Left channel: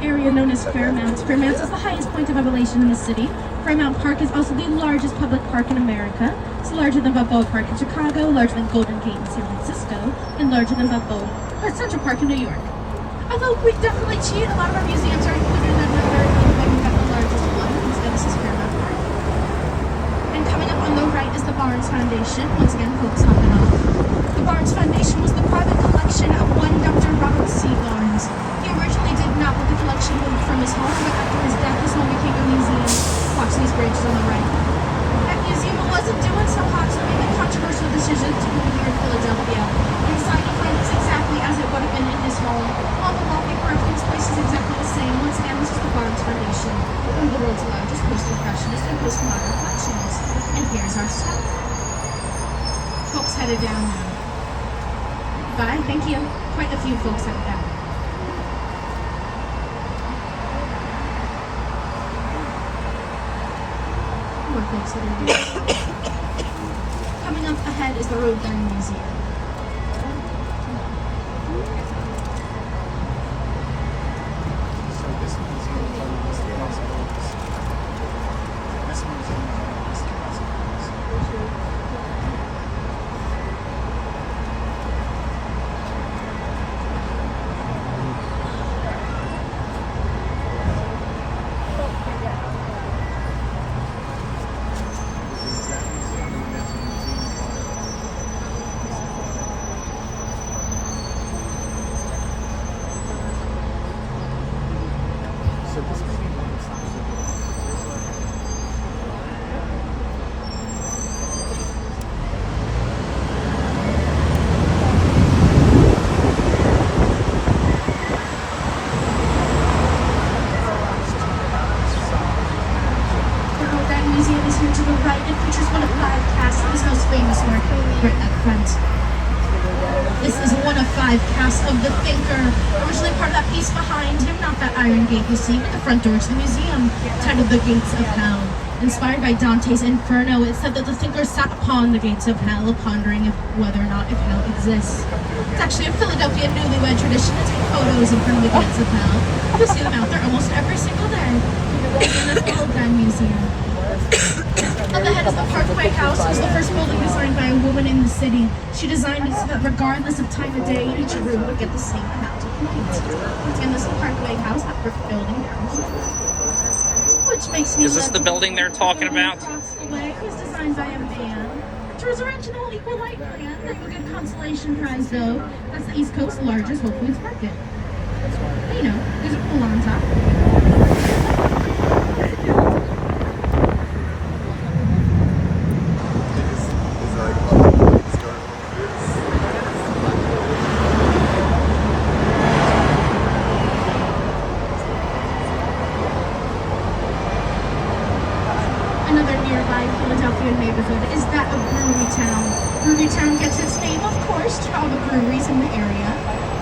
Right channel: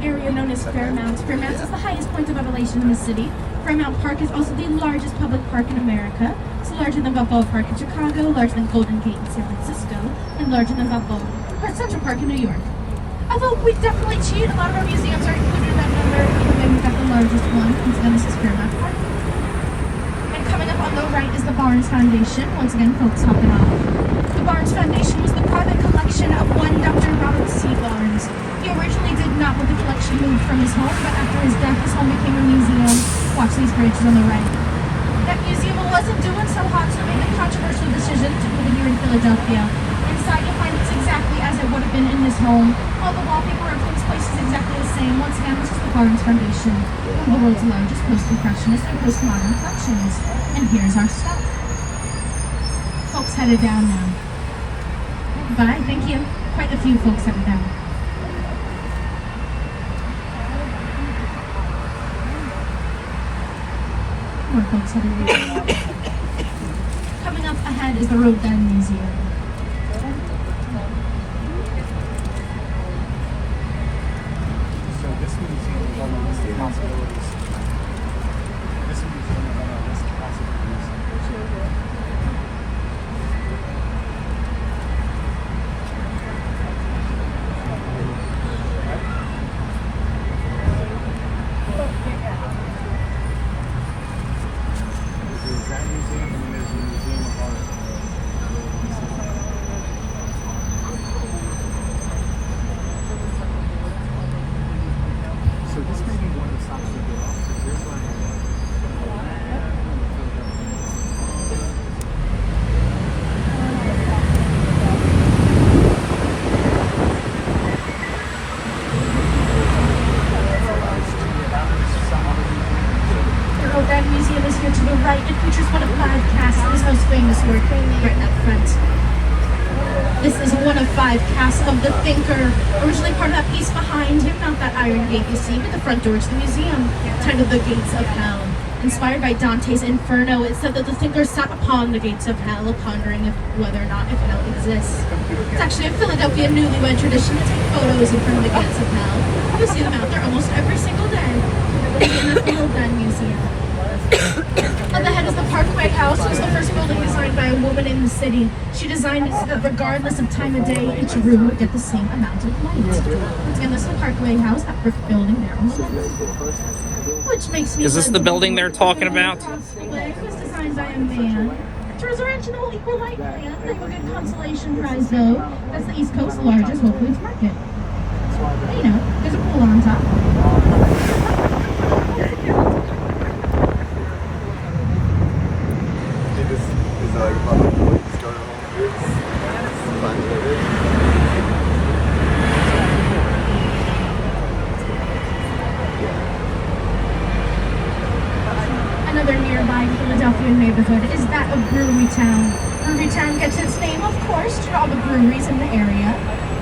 an area known as Fairmount. Fairmount is the highest point of elevation in the city. Fairmount Park is also the largest public park in America. It's larger than Balboa Park in Chicago, larger than Golden Gate in San Francisco, and larger than Central Park in New York. Although we definitely cheat, a lot of our museums are included in that number, and we've got the largest one, and this is Fairmount Park. And coming up on the right is the Barnes Foundation. Once again, folks, hop it off. The Barnes Foundation was the private collection of one Dr. Robert C. Barnes. He originally did not want the collection moved from his home, but after his death, his home became a museum. Watch these bridges on the right. That museum wasn't doing so hot, so made the controversial decision to put it here in Philadelphia. Inside, you'll find it's exactly as it would have been in his home. All the wallpaper of this place is exactly the same. Once again, this is the Barnes Foundation, one of the world's largest post-impressionist and postmodern collections. And here's our step. Folks headed down now. Goodbye, thank you. Quite a few folks headed down. More folks headed down. Coming up ahead is the Rodin Museum. This is one of 5 casts of the Thinker, originally part of that piece behind him, not that iron gate you see, but the front door to the museum, titled The Gates of Hell. Inspired by Dante's Inferno, it said that the Thinker sat upon the gates of hell, pondering whether or not if hell exists. It's actually a Philadelphia newlywed tradition to take photos in front of the gates of hell. You'll see them out there almost every single day. In the Rodin Museum. Up ahead is the Parkway House. It was the first building designed by a woman in the city. She designed it so that regardless of time of day, each room would get the same amount of light. And this is the Parkway House, that brick building down. Which makes me... Is this the building they're talking about? It was designed by a man. It was originally equal light plan. They will give consolation prize though. That's the East Coast's largest Whole Foods market. You know, there's a pool on top. Another nearby Philadelphia neighborhood is that of Brewery Town. Brewery Town gets its name, of course, to all the breweries in the area.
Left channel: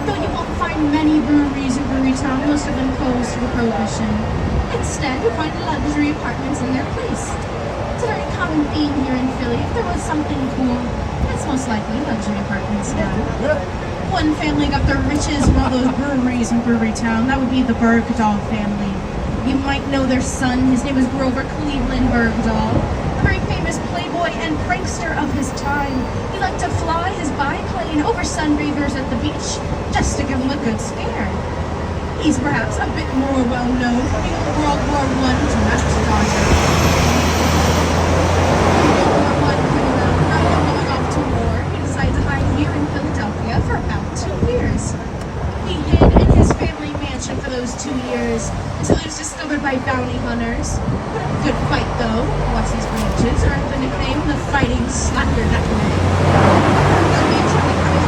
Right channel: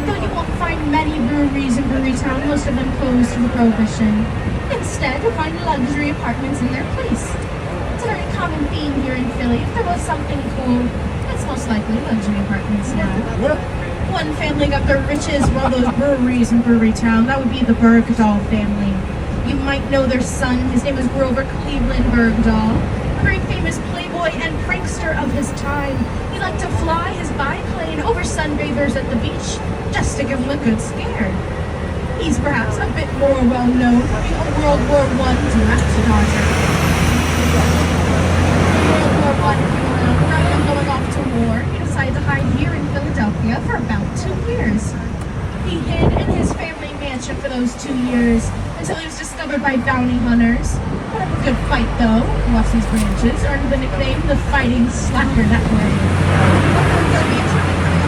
Though you won't find many breweries in Brewery Town, most of them closed due to Prohibition. Instead, you'll find luxury apartments in their place. It's a very common theme here in Philly. If there was something cool, it's most likely luxury apartments now. One family got their riches for all those breweries in Brewery Town. That would be the Bergdahl family. You might know their son. His name is Grover Cleveland Bergdahl, a very famous playboy and prankster of his time. He liked to fly his biplane over sunbathers at the beach just to give them a good scare. He's perhaps a bit more well known for being a World War I direct dodger. In World War I, rather than going off to war, he decided to hide here in Philadelphia for about 2 years. He hid in his family mansion for those 2 years until he was discovered by bounty hunters. Had a good fight though. Lost his branches, earned the nickname the Fighting Slacker that way.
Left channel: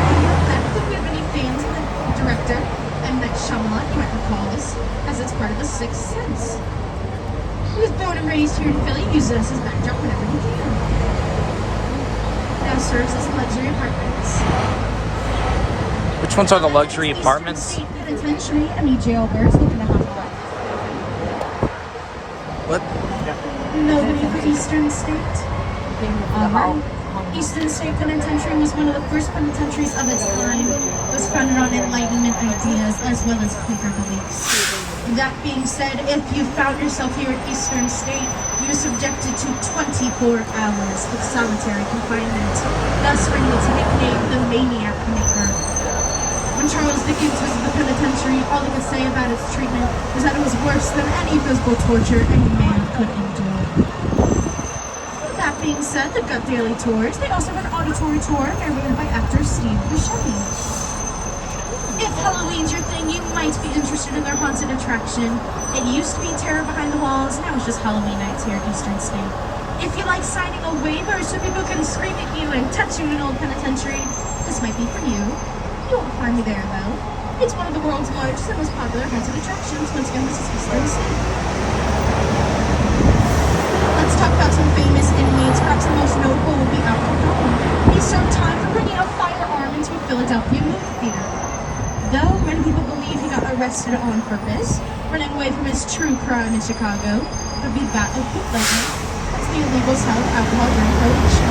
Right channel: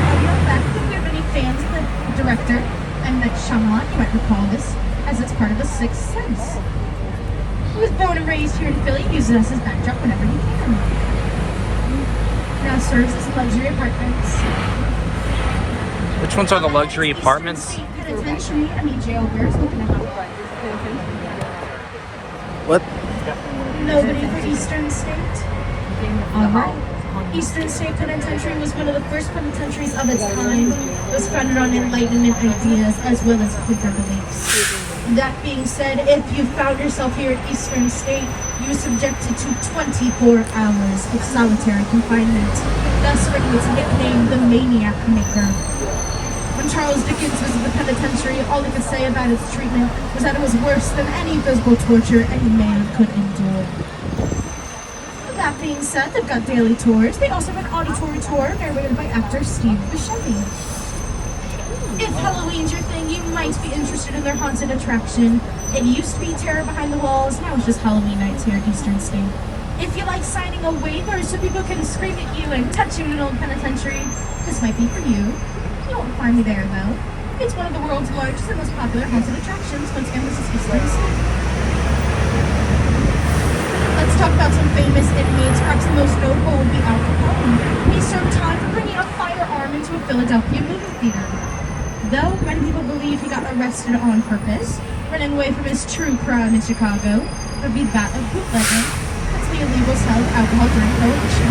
If you have any fans of the director, M. Night Shyamalan, you might recall this, as it's part of a Sixth Sense. He was born and raised here in Philly, uses us as backdrop whenever he can. Now serves as luxury apartments. Which ones are the luxury apartments? State Penitentiary, any jailbirds looking to hop on. What? Nobody for Eastern State. Eastern State Penitentiary was one of the first penitentiaries of its time. It was founded on Enlightenment ideas as well as Quaker beliefs. That being said, if you found yourself here at Eastern State, you're subjected to 24 hours of solitary confinement, thus bringing its nickname the Maniac Maker. When Charles Dickens visited the penitentiary, all he could say about its treatment was that it was worse than any physical torture any man could endure. That being said, they've got daily tours. They also have an auditory tour narrated by actor Steve Buscemi. If Halloween's your thing, you might be interested in their haunted attraction. It used to be Terror Behind the Walls, now it's just Halloween nights here at Eastern State. If you like signing a waiver so people can scream at you and touching an old penitentiary, this might be for you. You won't find me there though. It's one of the world's largest and most popular haunted attractions. Once again, this is Eastern State. Let's talk about some famous inmates. Perhaps the most notable would be Al Capone. He served time for bringing a firearm into a Philadelphia movie theater. Though many people believe he got arrested on purpose, running away from his true crime in Chicago would be that of bootlegging. That's the illegal sale of alcohol during Prohibition.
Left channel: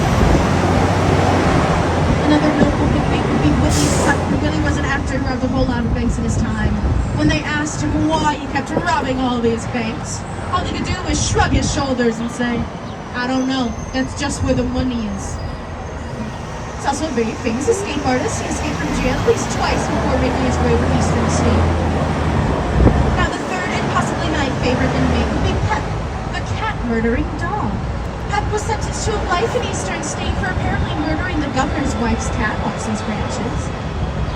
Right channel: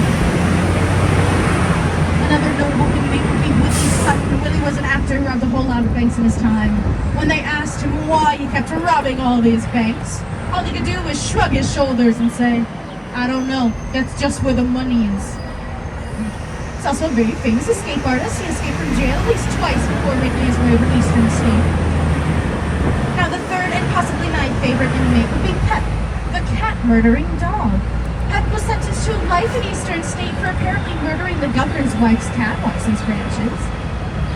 Another notable inmate would be Willie Sutton. Willie was an actor who robbed a whole lot of banks in his time. When they asked him why he kept robbing all these banks, all he could do was shrug his shoulders and say, "I don't know, that's just where the money is." He's also a very famous escape artist. He escaped from jail at least twice before making his way to Eastern State. Now the third and possibly my favorite inmate would be Pep, the cat-murdering dog. Pep was sentenced to life in Eastern State for apparently murdering the governor's wife's cat, Watson's Branches.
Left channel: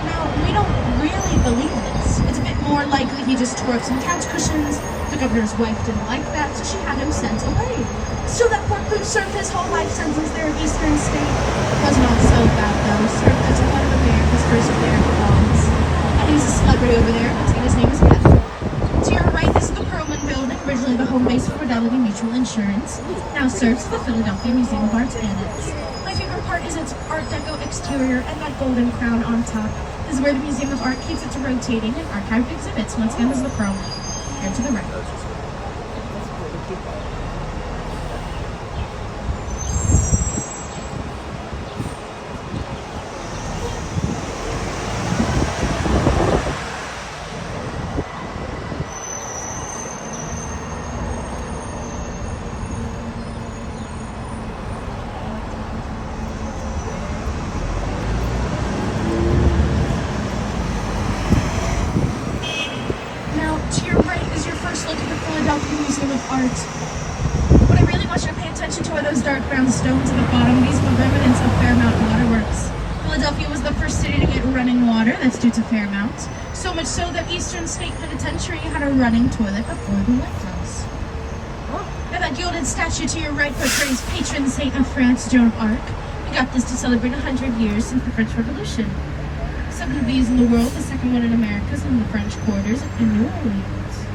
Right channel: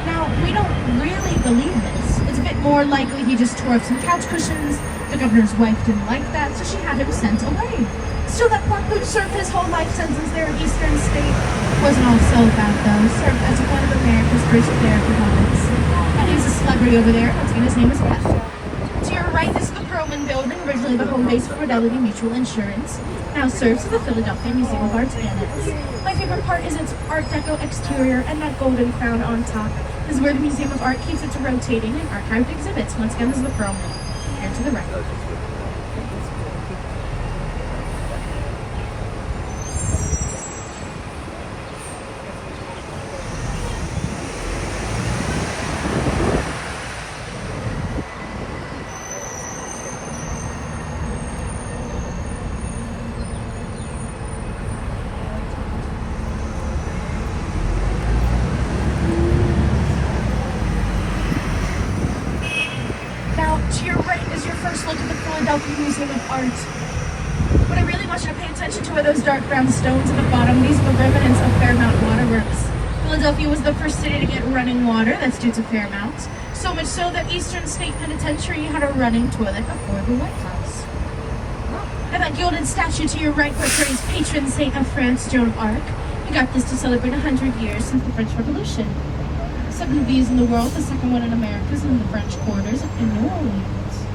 Now, we don't really believe this. It's a bit more likely he just tore up some couch cushions. The governor's wife didn't like that, so she had him sent away. Still, that poor who served his whole life sentence there at Eastern State wasn't all so bad, though. Served as one of America's first therapy dogs. And he's a celebrity over there. Once again, his name is Beth. To your right, this is the Perlman Building, originally the home base for Fidelity Mutual Insurance. Now serves the Philadelphia Museum of Art's Annex. My favorite part is its Art Deco exterior and that golden fountain on top. This is where the Museum of Art keeps its rotating and archived exhibits. Once again, this is the Perlman. Here to the right. To your right is your first look at the Philadelphia Museum of Art. But I really want you to pay attention to those dark brown stones at the bottom. These were remnants of Fairmount Waterworks. Philadelphia was the first city to get running water. That's due to Fairmount. So much so that Eastern State Penitentiary had a running toilet before the White House. And that gilded statue to your right portrays patron saint of France, Joan of Arc. We got this to celebrate 100 years since the French Revolution. 7 of these in the world, the second one in America is in the French quarters in New Orleans.